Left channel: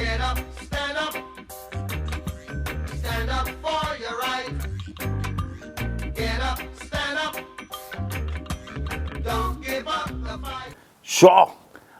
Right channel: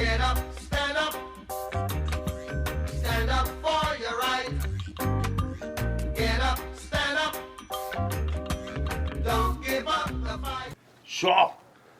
Get up, stand up. Stand up for your right. Get up, stand up. Don't give up the fight. Zo,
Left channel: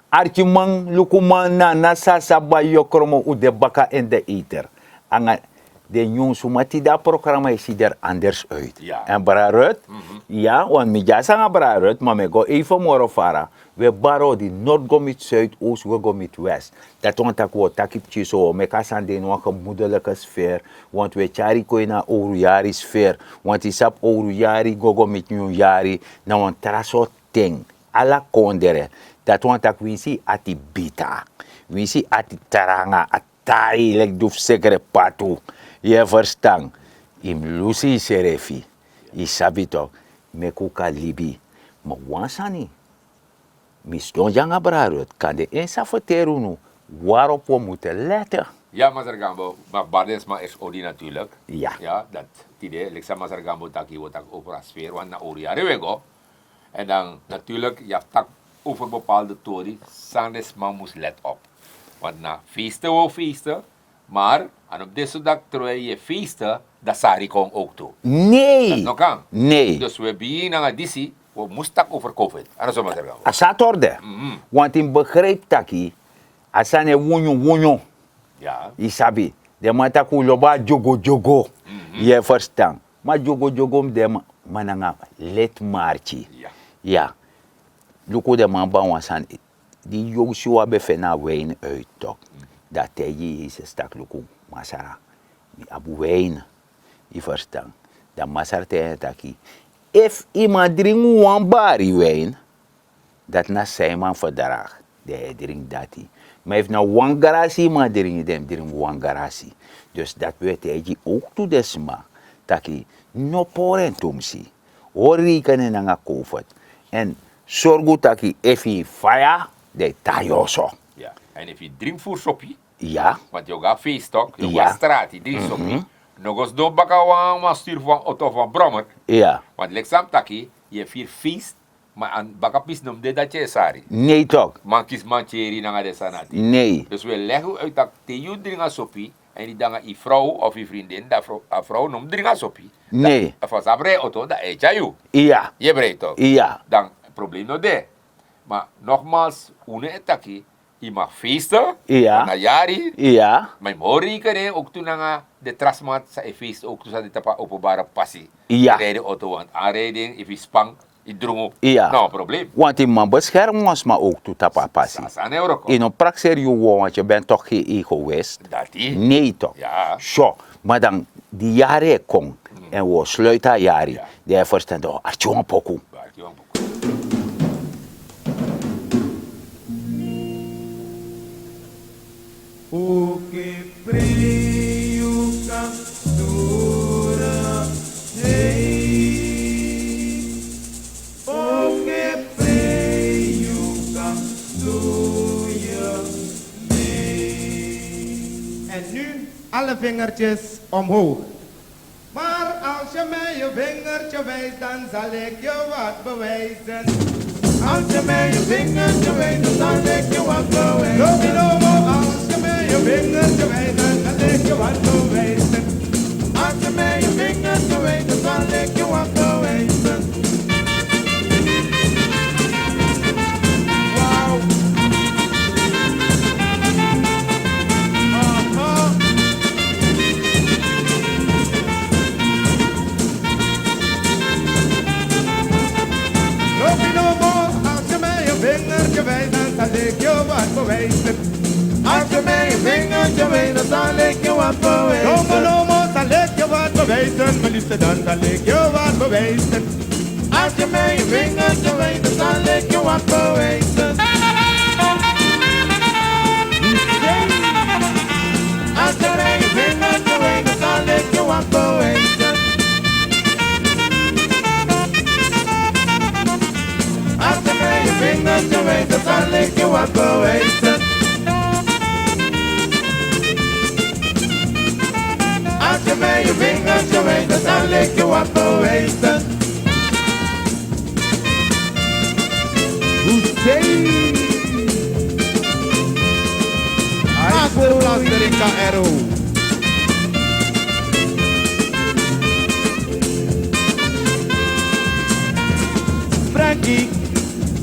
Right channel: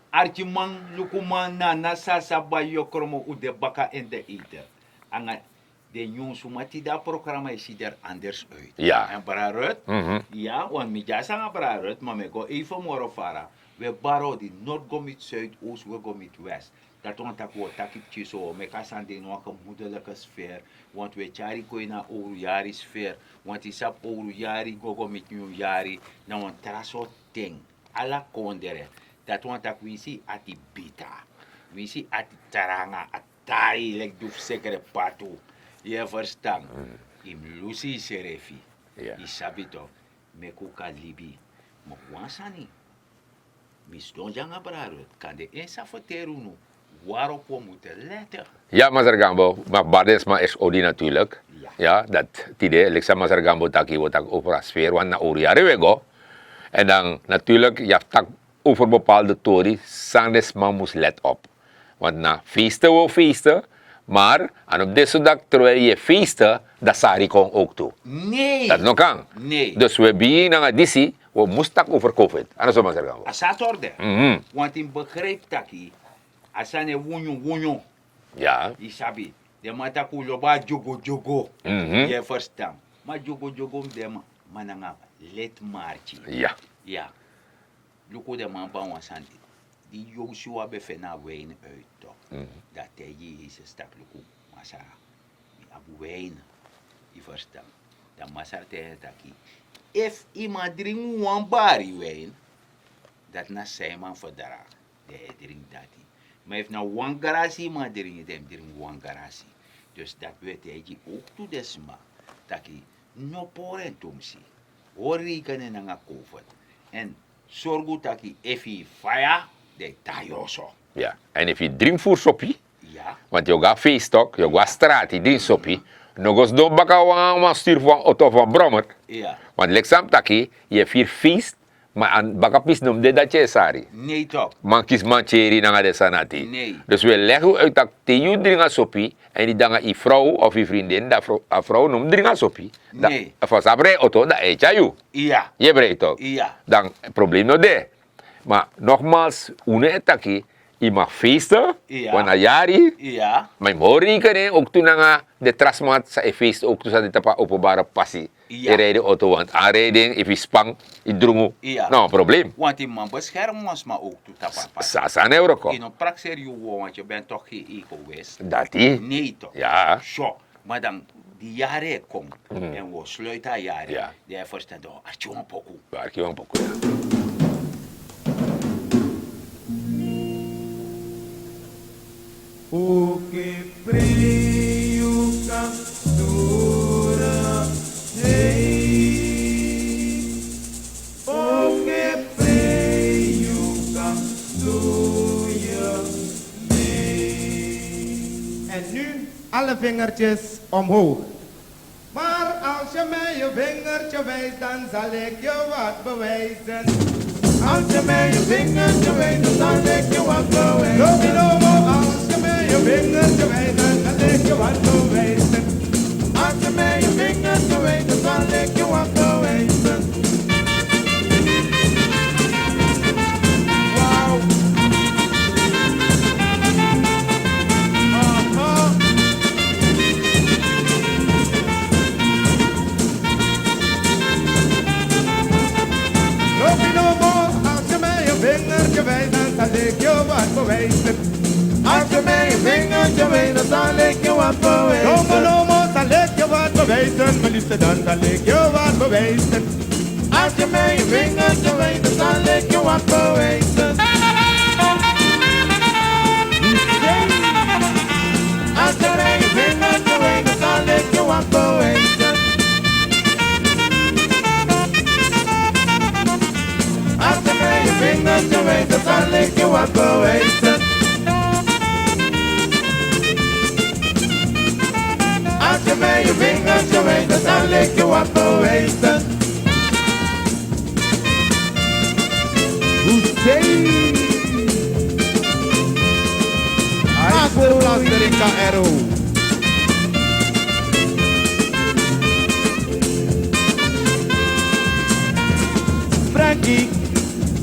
Archimang lukuman na nasasabay kromo u de baka en de eater. Anga de jong sumati da programma is er anders uit. Ja. En Brarut, ja, want mi jasa nga Brarut, maar me go even more fara. We baro di Noord go met Zuid, Oost we go met West. Dat want ik wat takip zo, me kasan de no gemoedelijke sfeer, want we chari ko na ourujari sfeer, want isap ourujari go met nieuwjari, na want traso ting, ala kondere. Dat want ik wisi ati bita, wisi ati taranga, atai lek duf sekere patu. Je verstaan, im lusi serefi, isabi toch, me kuka libi, maar wansani. Misdon janga brarut, kan de ensa verteren waarop we moeten letten. Ja, Mazargambo, maar Badesma is Odi natuurlijk. Ja. Ja, dat idee, Lexa Mazargambo taki wordt ook over een sfeer, want na Oriare we go. En dan natuurlijk, je hebt tak over bepaalde tori, Sandes man moest let op. Want na feesten we feesten, maar en op deze dag terwijl je feesten, dat sari kon ook toe. Nee. Dat nog kan. Nee. Dus we beginnen aan disi, we moesten over COVID. En dat is Mazargambo. Asat orde. Want in begrijp taki, asane wunyo. Ja. Isabi, de mataku loba jogo. Je verstaan. Maar jogo de mananga let marchi. Ja. Ja. Luko de man ba wansan, die Joshua befena wijn uit toch. Dat hij is stak luko masara. Abu wijn. Je verstaan. Dat masara te taki. If iemand drink one bari wijn, dat na zijn man verdraag. De drink dati. Maar if na one garasi iemand drink one garasi. Dus dat weet hij ook toe desma. Taki no poren tumsi. Hori kan na COVID. En zorgu taki if he fire, de tayoso. Ja. En if je drinkt voor soppie, Ja. want je gaat feestok, je Ja. gaat straat, je drinkt soppie, nog eens door baka wan stuur van auto van Brommer. Ja. Want leksam taki, je vier feest, maar aan baka pis noemde dat je sari. Nee toch? Man kies mancheri na de sanati. Nee. Dus we leggen uit dat te je drinken soppie, en die dan je vrouw of je vriendin, dat vrouw noemt drinken soppie. Nee. Van sabre auto, dat eet je. Ja. Je breekt toch? Ja. Dan probleem nog daar. Maar nogmaals, une taki, je mag feesten, Ja. wanneer jari, Ja. maar mori kan ook toen na de trasmat sa feest ook toen sa de tapa openbare passie. Ja. Je rijdt auto, want aanrijding, if je spang, je drongo. Ja. Nou, probleem. Want die man beschermt ons maar ook toe tapapas. Sa euro ko. In een praxer je want je bent toch geen egoïst. Dat die. Nee toch? Ja. Zo. Maar dan die jaren komt en we sluiten jaren. Ja. Die verstaan toch, artjongen pokoe. Waar ik je een poco. O que freio captura rei. O que freio captura rei. En nu alle vingertjes omhoog. Maar als je mij je vingertje wijst, dan zal ik je wat bewijzen. Als je mij je vingertje wijst, dan zal ik je wat bewijzen. Lobilobo, als je mij je vingertje wijst, dan zal ik je wat bewijzen. Als je mij je vingertje wijst, dan zal ik je wat bewijzen. Wauw. Lobilobo, als je mij je vingertje wijst, dan zal ik je wat bewijzen. Als je mij je vingertje wijst, dan zal ik je wat bewijzen. Lobilobo, zal ik je wat bewijzen. Maar liefste, dan zal ik je wat bewijzen. Als je mij je vingertje wijst, dan zal ik je wat bewijzen. Als je mij je vingertje wijst, dan zal ik je wat bewijzen. Als je mij je vingertje wijst, dan zal ik je wat bewijzen. Als je mij je vingertje wijst, dan zal ik je wat bewijzen. Hussein. Master Blaster in KRO. Frankie,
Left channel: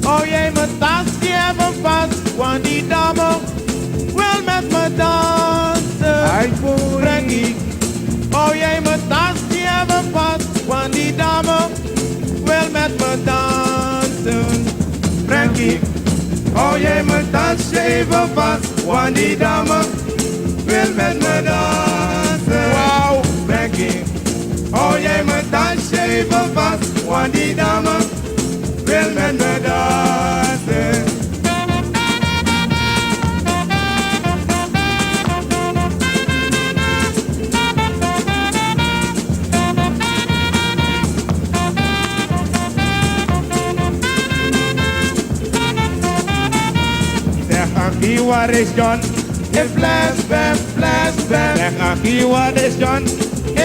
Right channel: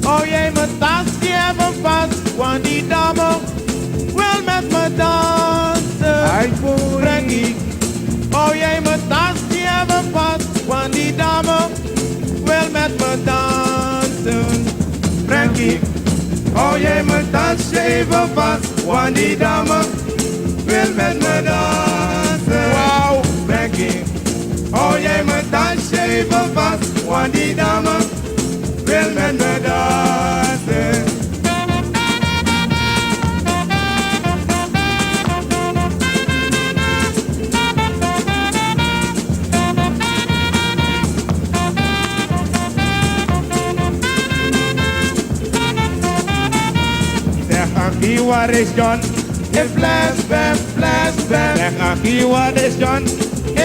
oh jij mijn tasje even vast, want die dame wil met me dansen. Frankie, oh jij mijn tasje even vast, want die dame wil met me dansen. Frankie, oh jij mijn tasje even vast, want die dame wil met me dansen. Wow, Frankie, oh jij mijn tasje even vast, want die dame wil met me dansen. Zeg Ankie, waar is John? In flashback, flashback. Zeg Ankie, waar is John?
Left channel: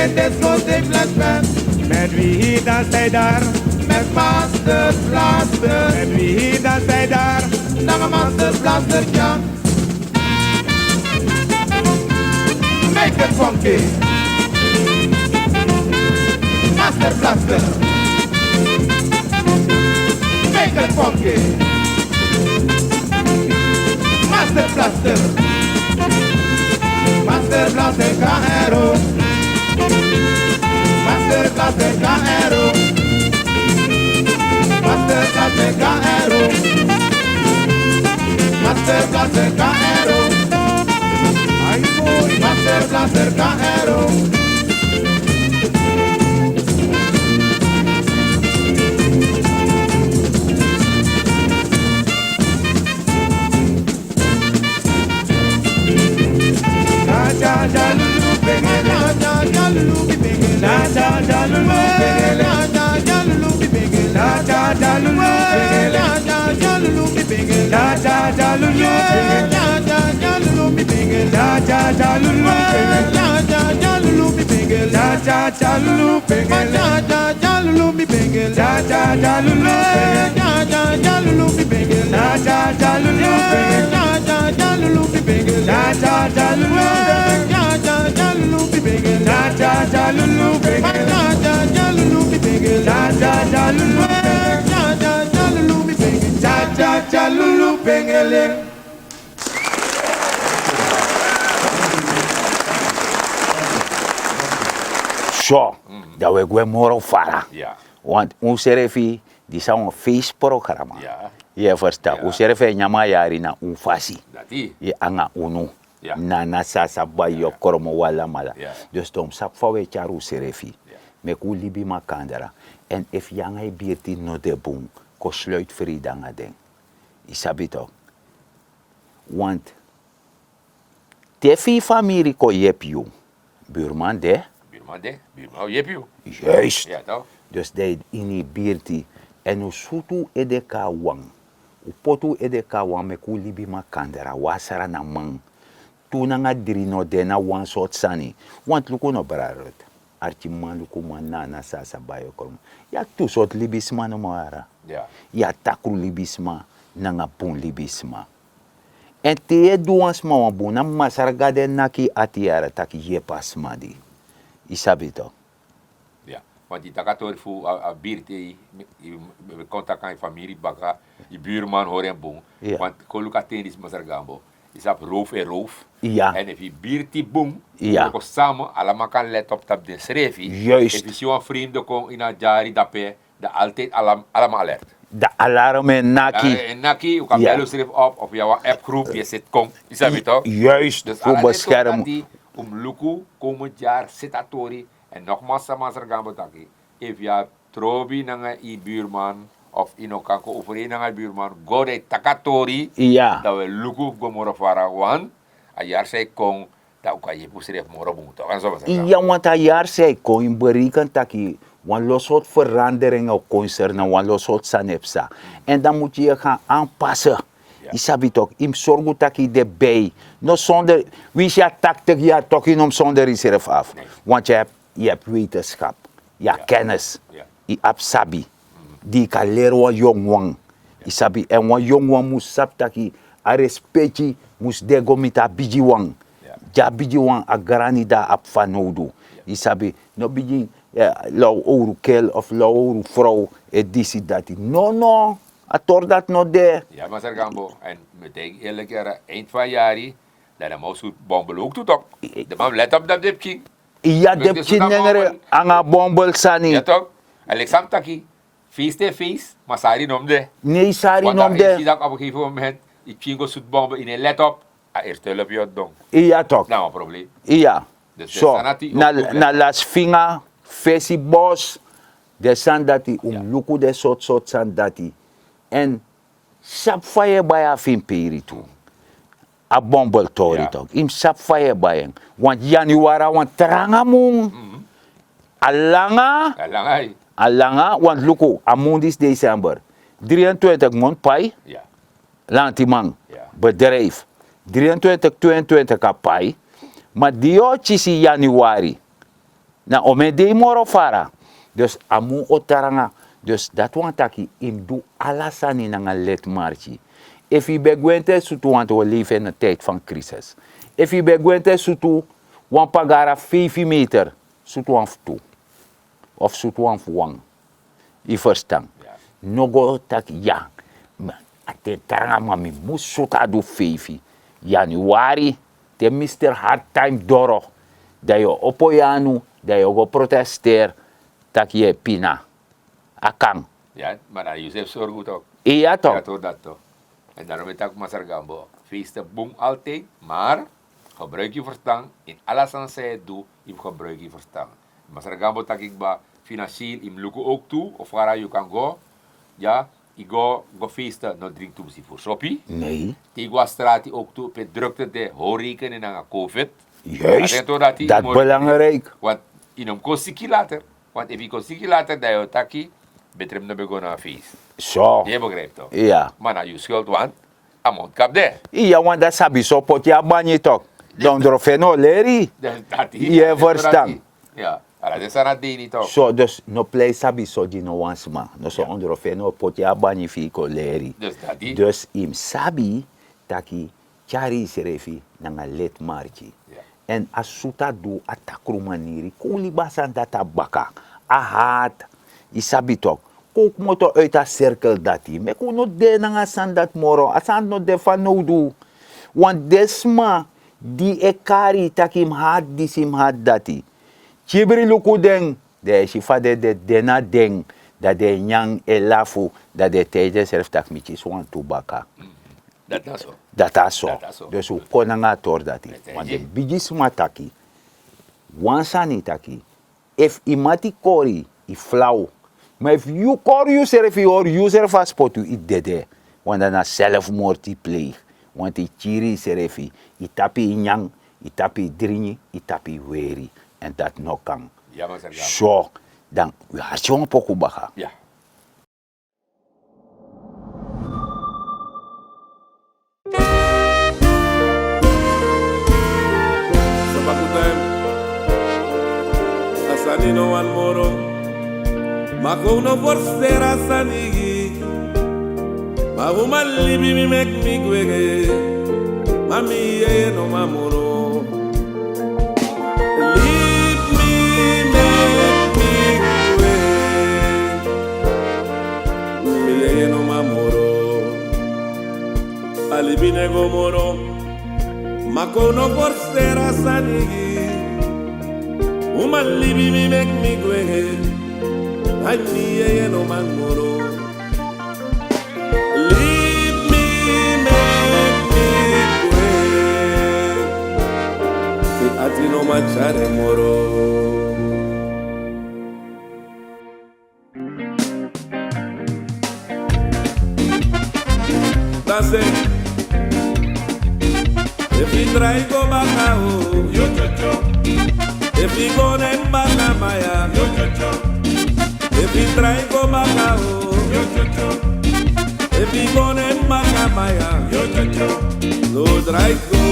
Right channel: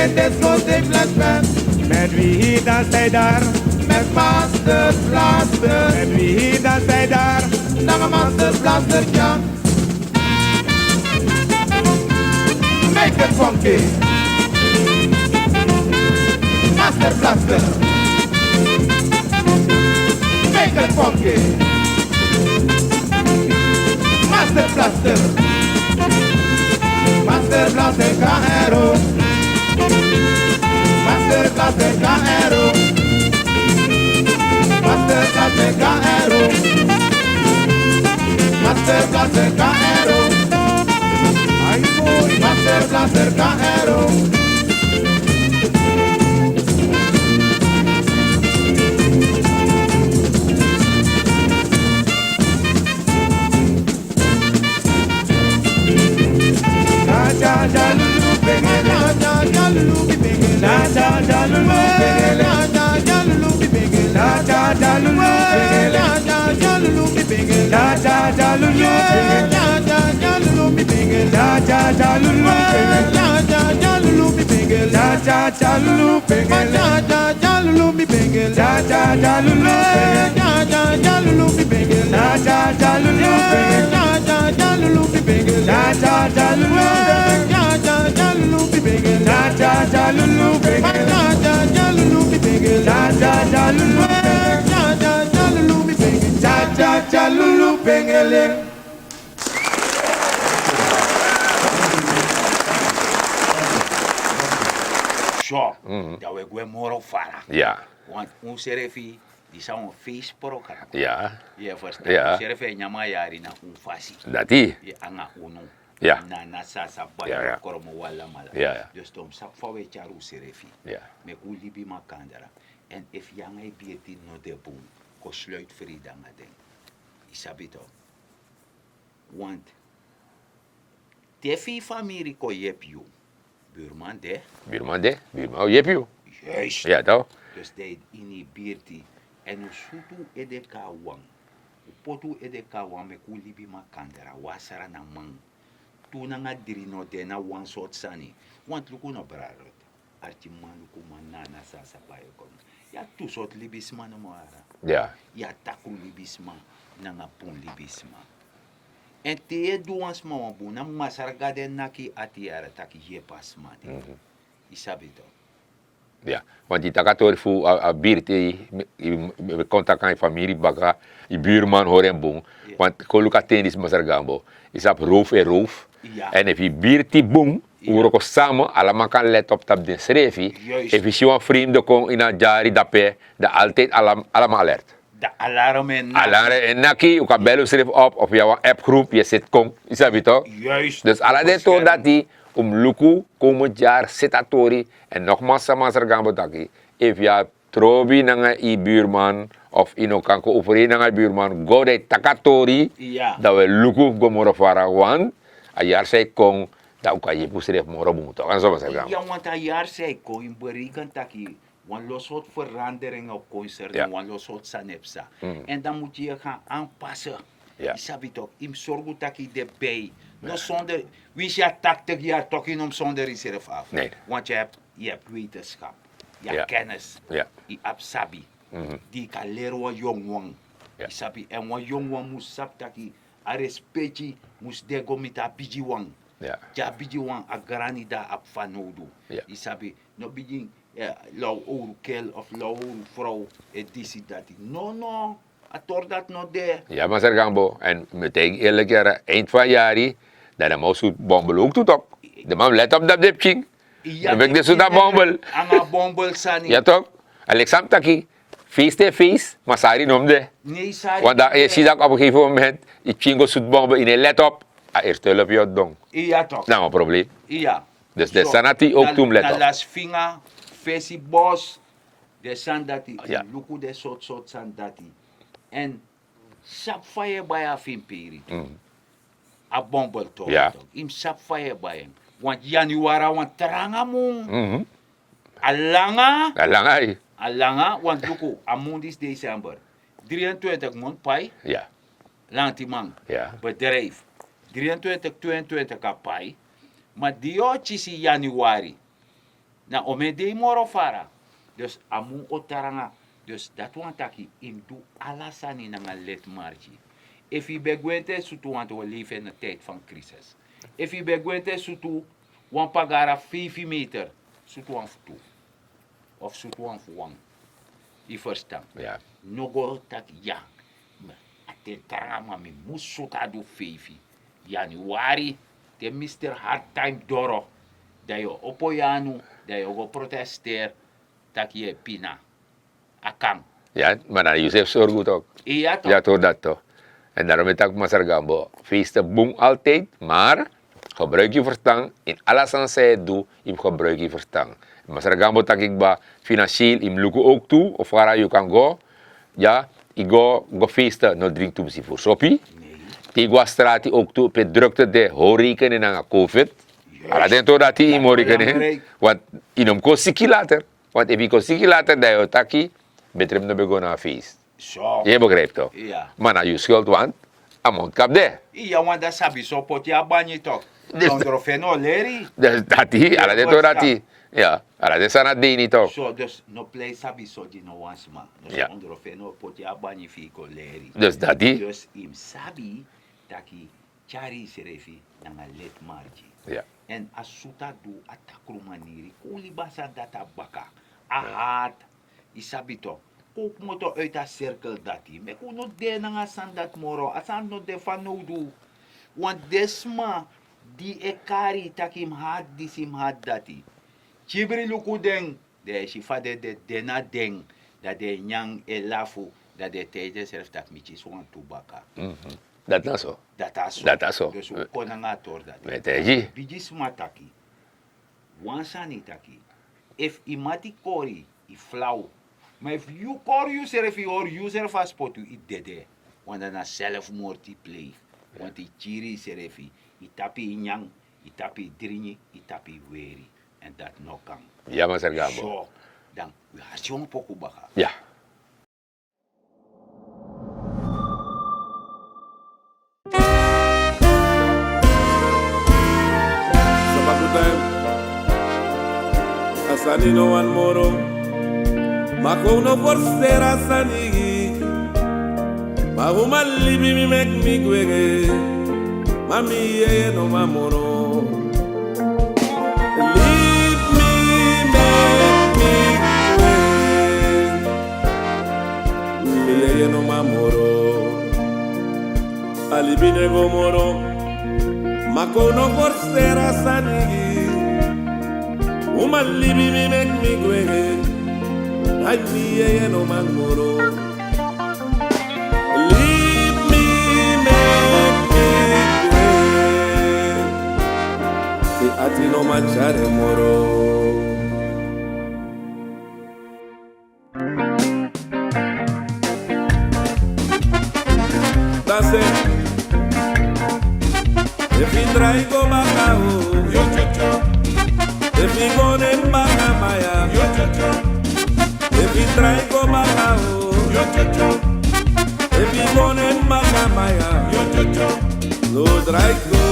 In dit grote flashback. Met wie danst hij daar? Met Master Blaster. Met wie danst hij daar? Lange Master Blaster, ja. Make it funky. Master Blaster. Make it funky. Master Blaster. Master Blaster KRO. Master Blaster KRO. Master Blaster KRO. Master Blaster KRO. Master Blaster KRO. Ja ja lulu bengele, ja lulu bengele, ja lulu bengele, ja lulu bengele, ja lulu bengele, ja lulu bengele, ja lulu bengele, ja lulu bengele, ja lulu bengele, ja lulu bengele, ja lulu bengele, ja lulu bengele, ja lulu bengele, ja lulu bengele, ja lulu bengele, ja lulu bengele, ja Zo, dat we gewoon morgen varen. Ja. Want ons refi, die is een feestprogramma. Ja. Je verstaan, Ja. ons refi nyama yari na unfasi. Dat die. Je anga unu. Ja. Na sasa ba Ja, yo ja. koromo wala mala. Ja, ja. Dus tom sap fa we charu serefi. Ja. Me ku libi makandara. En if yanga birti no de boom, ko sluit vridanga den. Isabito. Want tefi familie ko yep you. Buurman de. Buurman de. Buurman. Oh, je hebt je. Juist. Ja, toch? Dus dat in birti en usutu edeka wang. Upotu edeka wang me ku libi makandara wasara na mang. Tuna nga diri no de na one sort sani. Want luko no brarot. Archi man luko man na sasa bayo korum. Ya tu sort libisma no mara. Ja. Ya takru libisma na nga pun libisma. En te duans ma wabuna masargade naki atiara taki yepasma di. Isabito. Ja. Want die takator voor a birte, we contact aan je familie, baka, je buurman hoor en boom. Ja. Want koluka tenis masargambo. Is op roof en roof. Ja. En if je birte boom, Ja. we samen, allemaal kan let op dat de schreefie. Juist. If je vrienden kon in een jari dape, dat altijd allemaal alert. De alarme naki. Alarm en naki, je kan Ja. bellen schrijven op jouw appgroep, je zit kom, is dat toch? Juist. Dus voor alle dit bescherm- dat die luku komend jaar sitatori en nogmaals sama sergambo taki. If je trobi nanga i buurman of ino kanko overeen nanga buurman go de takatori Ja. dat we luku go moro fara wan a jaar sei kong dat kan je pusref moro buto kan zo maar zeggen. Ja, want een jaar zei kon bereiken taki wan los soort veranderingen op concernen, Ja. wan los soort sanepsa. En dan moet je je gaan aanpassen. Ja. Isabi toch, im zorgu taki de bij. No zonder, wie is ja 80 jaar toch in om zonder reserve af. Nee. Want je hebt wetenschap, je hebt Ja. kennis, Ja. je hebt sabi. Die kan leren wat jong wang. Ja. Isabi, en wat jong wang moet sap taki, a respecti mus de gomita bijiwang. Ja. Ja bijiwang a granida ap fanodu. Ja. Isabi, no biji lau ouro kel of lau ouro vrouw e disi dati. No, ator dat no de. Ja, maar Sir Gambo, en meteen eerlijk jaren, eind van jari, dan de mouse bombel ook toe toch. De man let op dat dipching. Iya Dan ben ik dus naar bombel. anga bombel sani. Ja toch? Alexander Taki, feest te feest, maar sari nomde. Nee, sari Want dan nomde. is hij dan op een gegeven moment, die chingo zoet bombel in een let op, eerst hulp je dong. Iya toch. Nou, een probleem. Iya. Dus de sanati ook toen let na op. las finga, fesi bos, de sandati, Ja. luku de soort sandati. En sap fire baya fin peri tu. A bombel tori Ja. toch. Im sap fire baya. Want januara, want tranga mung. Alanga, Alang ay. want luku, amundis december. 23 mond pai. Ja. Lantimang, Ja. bedrijf. 23, 22 kapai. Maar die si januari. Na ome de moro fara. Dus amu otaranga. Dus dat want taki im do alasani na let marchi. If je begwente sutu want we leven in een tijd van crisis. If je begwente sutu want pagara 5 meter. Sutu want toe. Of sutu want wang. I verstaan. Ja. Nogo tak ja. Ate taranga mami musuta do feifi. Januari te Mr. Hard Time Doro. Dat je opoyanu, dat je go protesteer, tak je pina. Akang. Ja, maar dan Josef zorg goed ook. Iya toch? Ja, toch dat toch. En daarom is ik Master Gambo. Feesten boem altijd, maar gebruik je verstand. In alles aan zij doe, je gebruik je verstand. Master Gambo tak ik ba financieel, je lukt ook toe, of waar je kan go. Ja, ik go feesten, no drink toe voor soppie. Nee. Ik go straat ook toe, op het drukte de horeca en aan COVID. Juist. Maar dat toch dat die Dat horeca belangrijk. want in hem kon ziek later. Want als je kon ziek later, dan je taki, betreft de begonnen aan feest. Zo. Je begrijpt toch? Ja. Maar naar je schuld, want amont kap de. Iya want dat sabi so pot ya banyi toch. Don drofeno leri. Dat die, Ja, ja, dat verstaan. dat die. Ja, dat is aan het ding niet toch? So dus no play sabi so di no once ma. No so Ja. on drofeno pot ya banyi fiko leri. Dus dat die. Dus im sabi taki chari serefi nanga let marchi. Ja. En asuta do atakru maniri kuli basan data baka. Ahat isabi tok. Kook moto uit a cirkel dati. Me kuno de nanga sandat moro. Asan no de fanodu. Want desma di ekari takim had disim had dati. Chibri luku deng. De shifa de dena deng. Dat de nyang elafu. Dat de teje self tak michis wan tubaka. Dat is zo. Dat is zo. Dat is zo. Dus hoe kon nga tor dat? Met eji. Bijis mataki. Wansani taki. If imati kori, i flauw. Maar if you kori yourself, or yourself as pot you it dede. Want dan zelfmoord die pleeg. Want i chiri serefi. I tapi inyang, i tapi dringi, i tapi weri. En dat no kan. Ja, maar zeg Zo. Dan, we hartje een poku baka. Ja. Sabakutem Asani no one moro Mako no forcer asani Mahuma libi mi mek mi gwege Mami ye no mamoro Leave me make me gwege Mi ye no mamoro Alibi nego moro Mako no forcer asanigi Uma libi mi mek mi gwege Ay mi ye no mangoro Leave me make me gwege Si ati no machare moro That's it If you traigo bacao, if you go en bacamaya, if you traigo bacao, if you go en bacamaya, no traigo,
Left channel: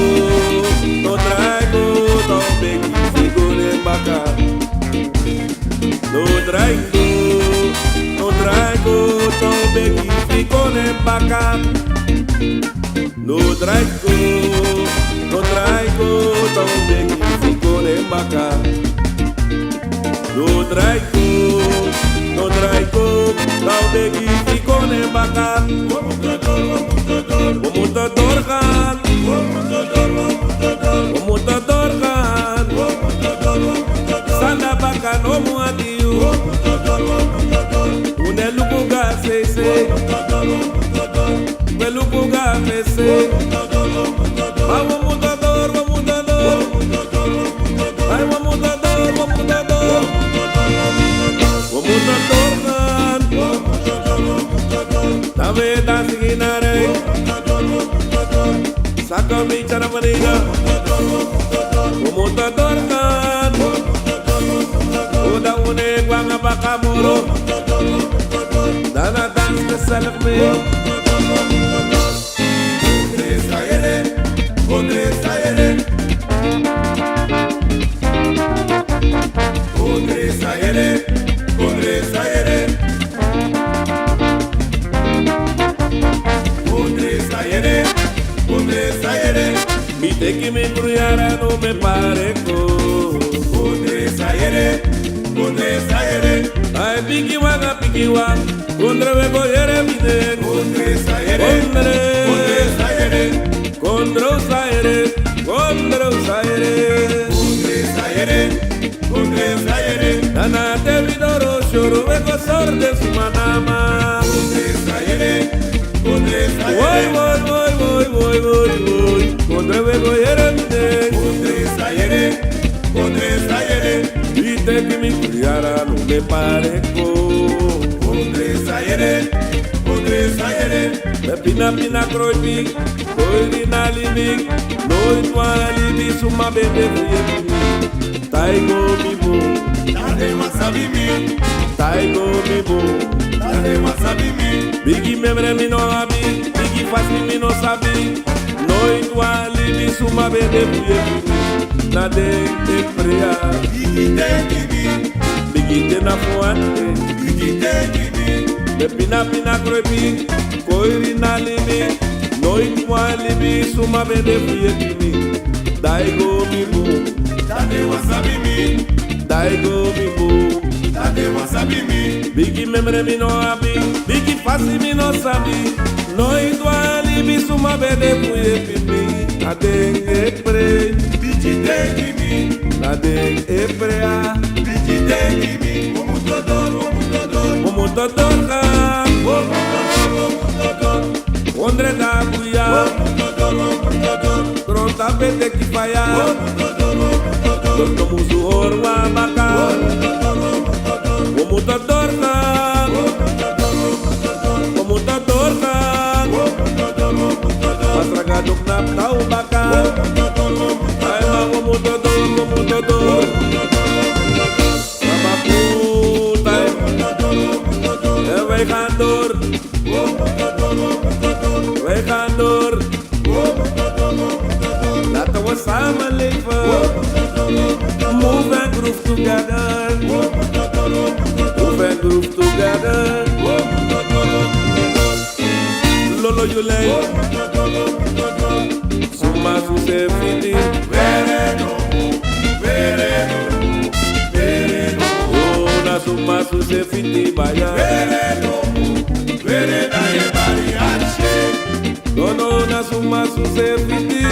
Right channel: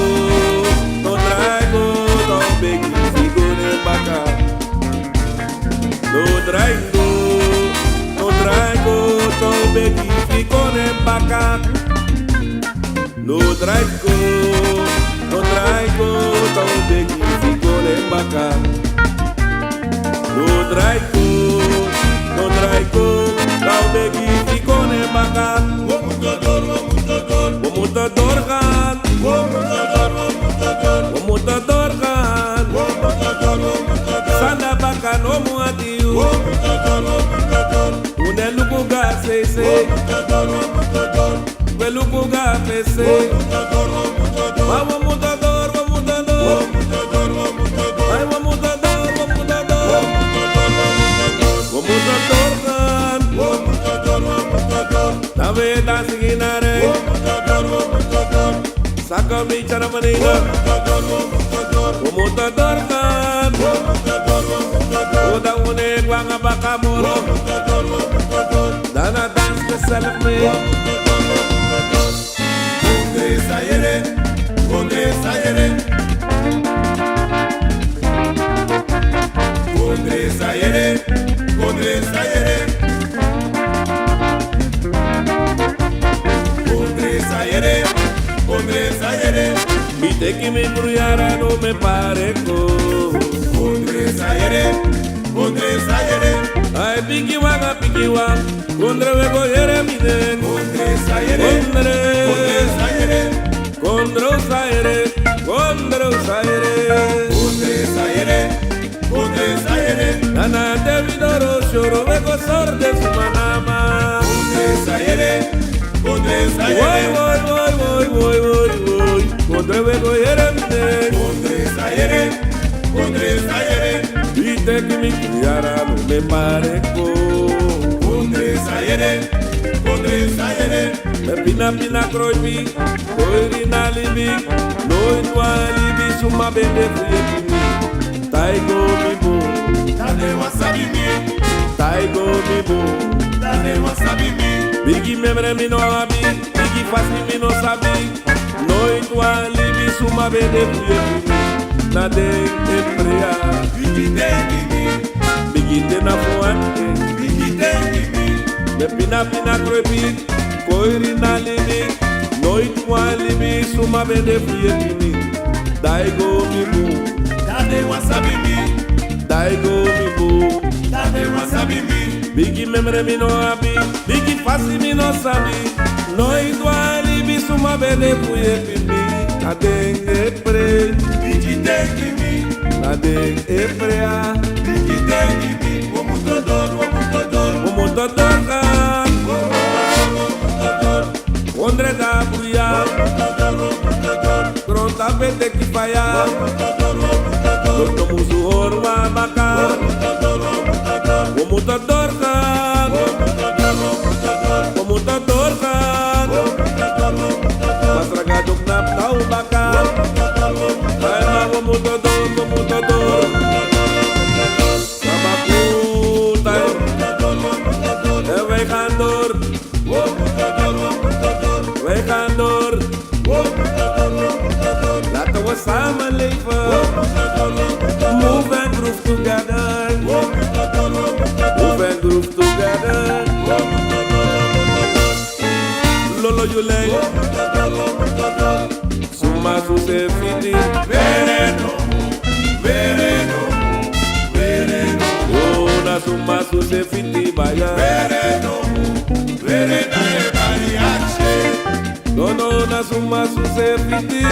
don't beg if you go en baca, no traigo, don't beg if you go en baca. no traigo, tão bem que ficou em baca. No traigo, tão bem que ficou em baca. Vamos dorgan, Sanda baka no muadiu. Une lukuga sese, we lukuga fese. Vamos mudador. Ai vamos mudador. Vamos dorgan. Na veda siginare. Saka mi cara menina. Vamos dorgan. Uda une guanga baka moro. Dana dance the self-me. Mi te que me embrullara no me pareco. Ay, piki wanga, kondre we go yere mine. Kondre usaire. Nana te vidoro shoro we go sorde su manama. Voy, kondre we go yere mine. Dite que mi criara no me pareco. Me pina kroipi, koiri na libi, no itwa libi suma bebe fuye kimi. Taigo mi bo, Bigi memre mi no abi, bigi fasi mi no sabi, no itwa libi suma bebe fuye kimi. Na de prea, bigi te na fuante, me pina kroipi. Koiri na libi, noit mwa libi, suma bende fuye kini. Daigo mi bu, Bigi memre mi no abi, bigi fasi mi no sabi. Noit mwa libi, suma bende fuye kini. Adeng pre, adeng prea. Omotodor ka. Ondre da buia, Gronta pete ki faya, Dorto musu horwa baka, Omuta dorkan, Masraga dok nap tau baka, Ay ma omuta dor, Sama putai, Ewe kandor, Weekandor, laten we samen leven. Move and groove together. Lolo Yulei, Suma Suse Fiti, Ona Suma Suse Fiti Baya. No na suma suse fiti.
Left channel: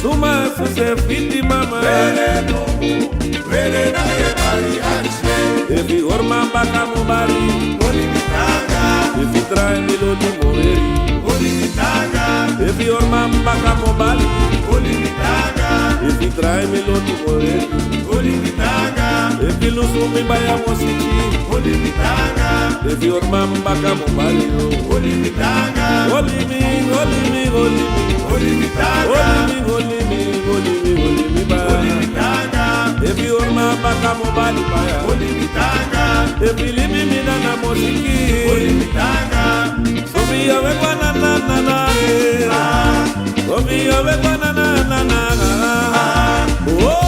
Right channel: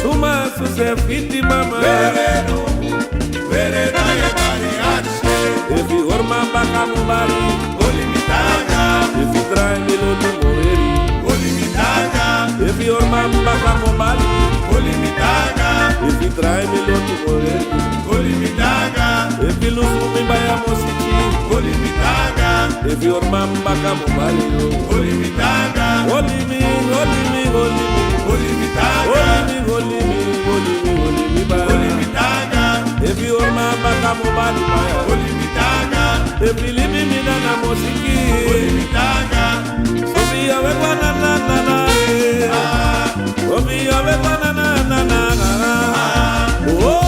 Suma suse fiti mama. If you orma baka mubari, if you try me lo di moreri. If you orma baka mubari, if you try me lo di moreri. If you lose me by a mosiki. If your mamba come Mario, holy me, if your mamba come Mario, if you leave me na mosiki, so be a banana, so be a banana, oh.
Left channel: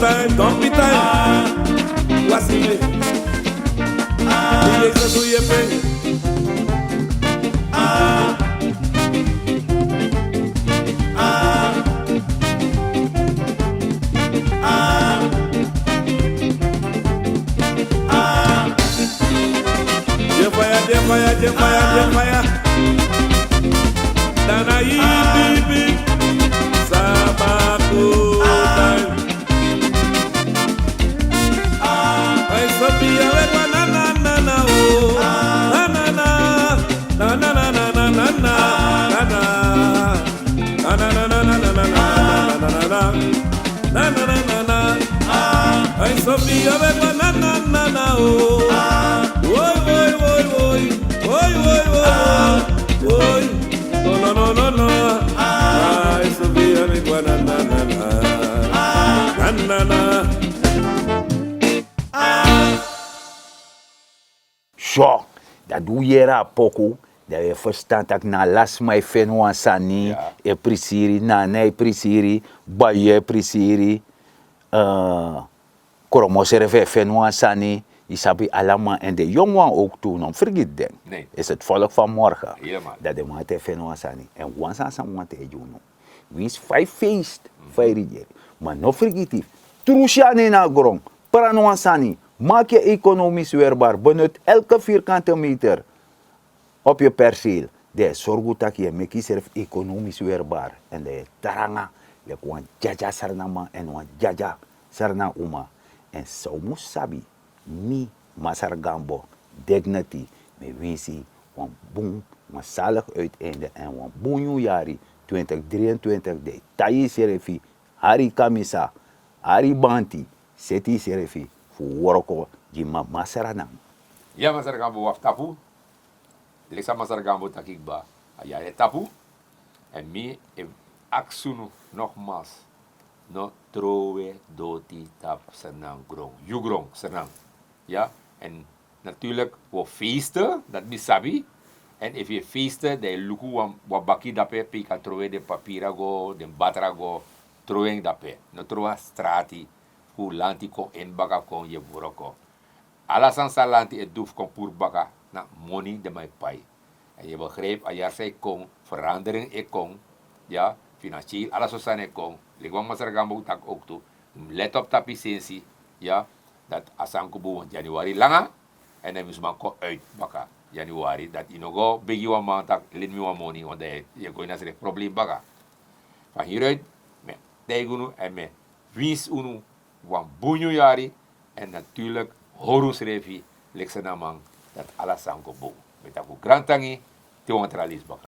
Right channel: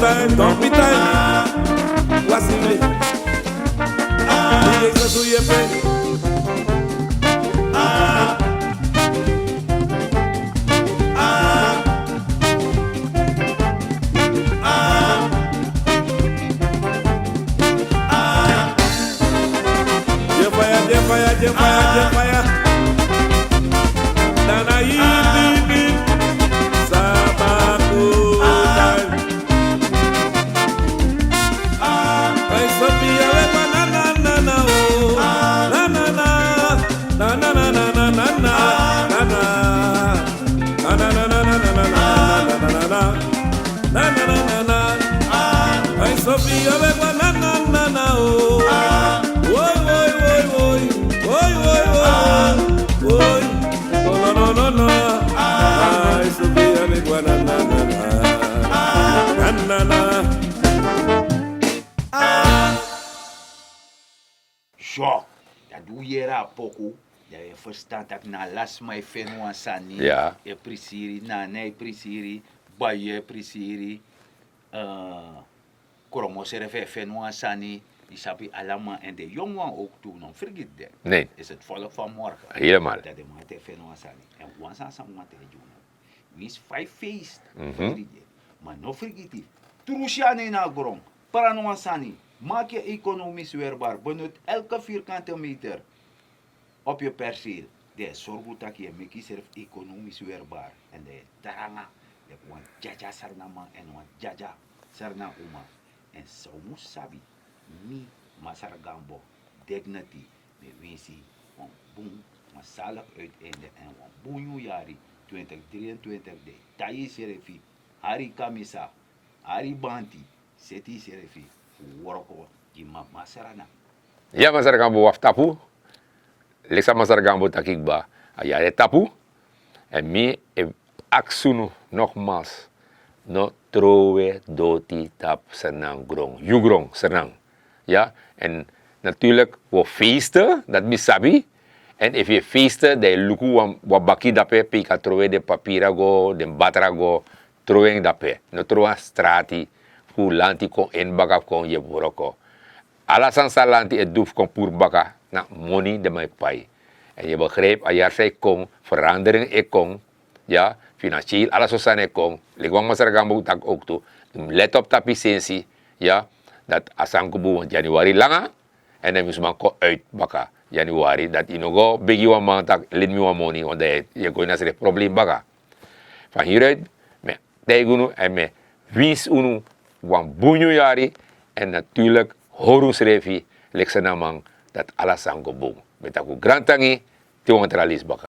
time, don't be time. Wasile. Die is doe je pijn. Jefaya. Dana bibi Sabaku time. Ay Sophia we na oh na. Ay Sophia we na oh. Oi, no. Ay, Sofia, mi guanana. Zo, dat doe je era poco. Dat je verstand dat na las mij fenwa sani, Ja. e prisiri, na nee prisiri, baie prisiri, koromosere fenwa sani, isabi alama en de jongen ook toen, om vergeet den. Nee. Is het volk van morgen. Helemaal. Dat de mate fenwa sani. En wansa sa mate juno. Wie is 5 feest, 5 rivier. Maar no vergeet die. Trushane na grong, paranwa sani. Maak je economisch weerbaar. Benut elke vierkante meter op je perceel. De zorg dat je met jezelf economisch weerbaar. En de taranga. Je kan jaja sarnama en wan jaja sarna uma. En zo moet sabi. Mi masargambo. Dignity. Me winsi. Wan boom. Maar zalig uiteinde. En wan boonju jari. 2023. De tayi serefi. Hari kamisa. Hari banti. Seti serefi. Worko di masaranam. Ja, Masaragambo waf tapu. Leksa Masaragambo takikba. Ayare tapu. En mi aksunu nogmaals. No trowe doti tap senang grong. Jugrong senang. Ja, en natuurlijk we feesten, dat misabi. En if je feesten, de luku wabaki dape, pika trowe de papirago, de batrago, trowe dape. No trowe strati. Lanti kon in baka kon je boroko. Alasan sa lanti het doef kon poer baka na money de mijn pai. En je begreep, a jaar zij kon, verandering ik kon, ja, financieel, alles wat zijn ik kon. Ligwang Masaragambo tak ook toe. Let op dat licentie, ja, dat asankubu Januari langa. En dan moest man ko uit baka Januari. Dat je nog begi wa man tak lid me wa money, want je kon naar het probleem baka. Van hieruit, met tegunu en met wies unu, wan bunyu jari en natuurlijk horus revi leksenamang dat alasango boom. Met aku grantangi tiwang tralis baka.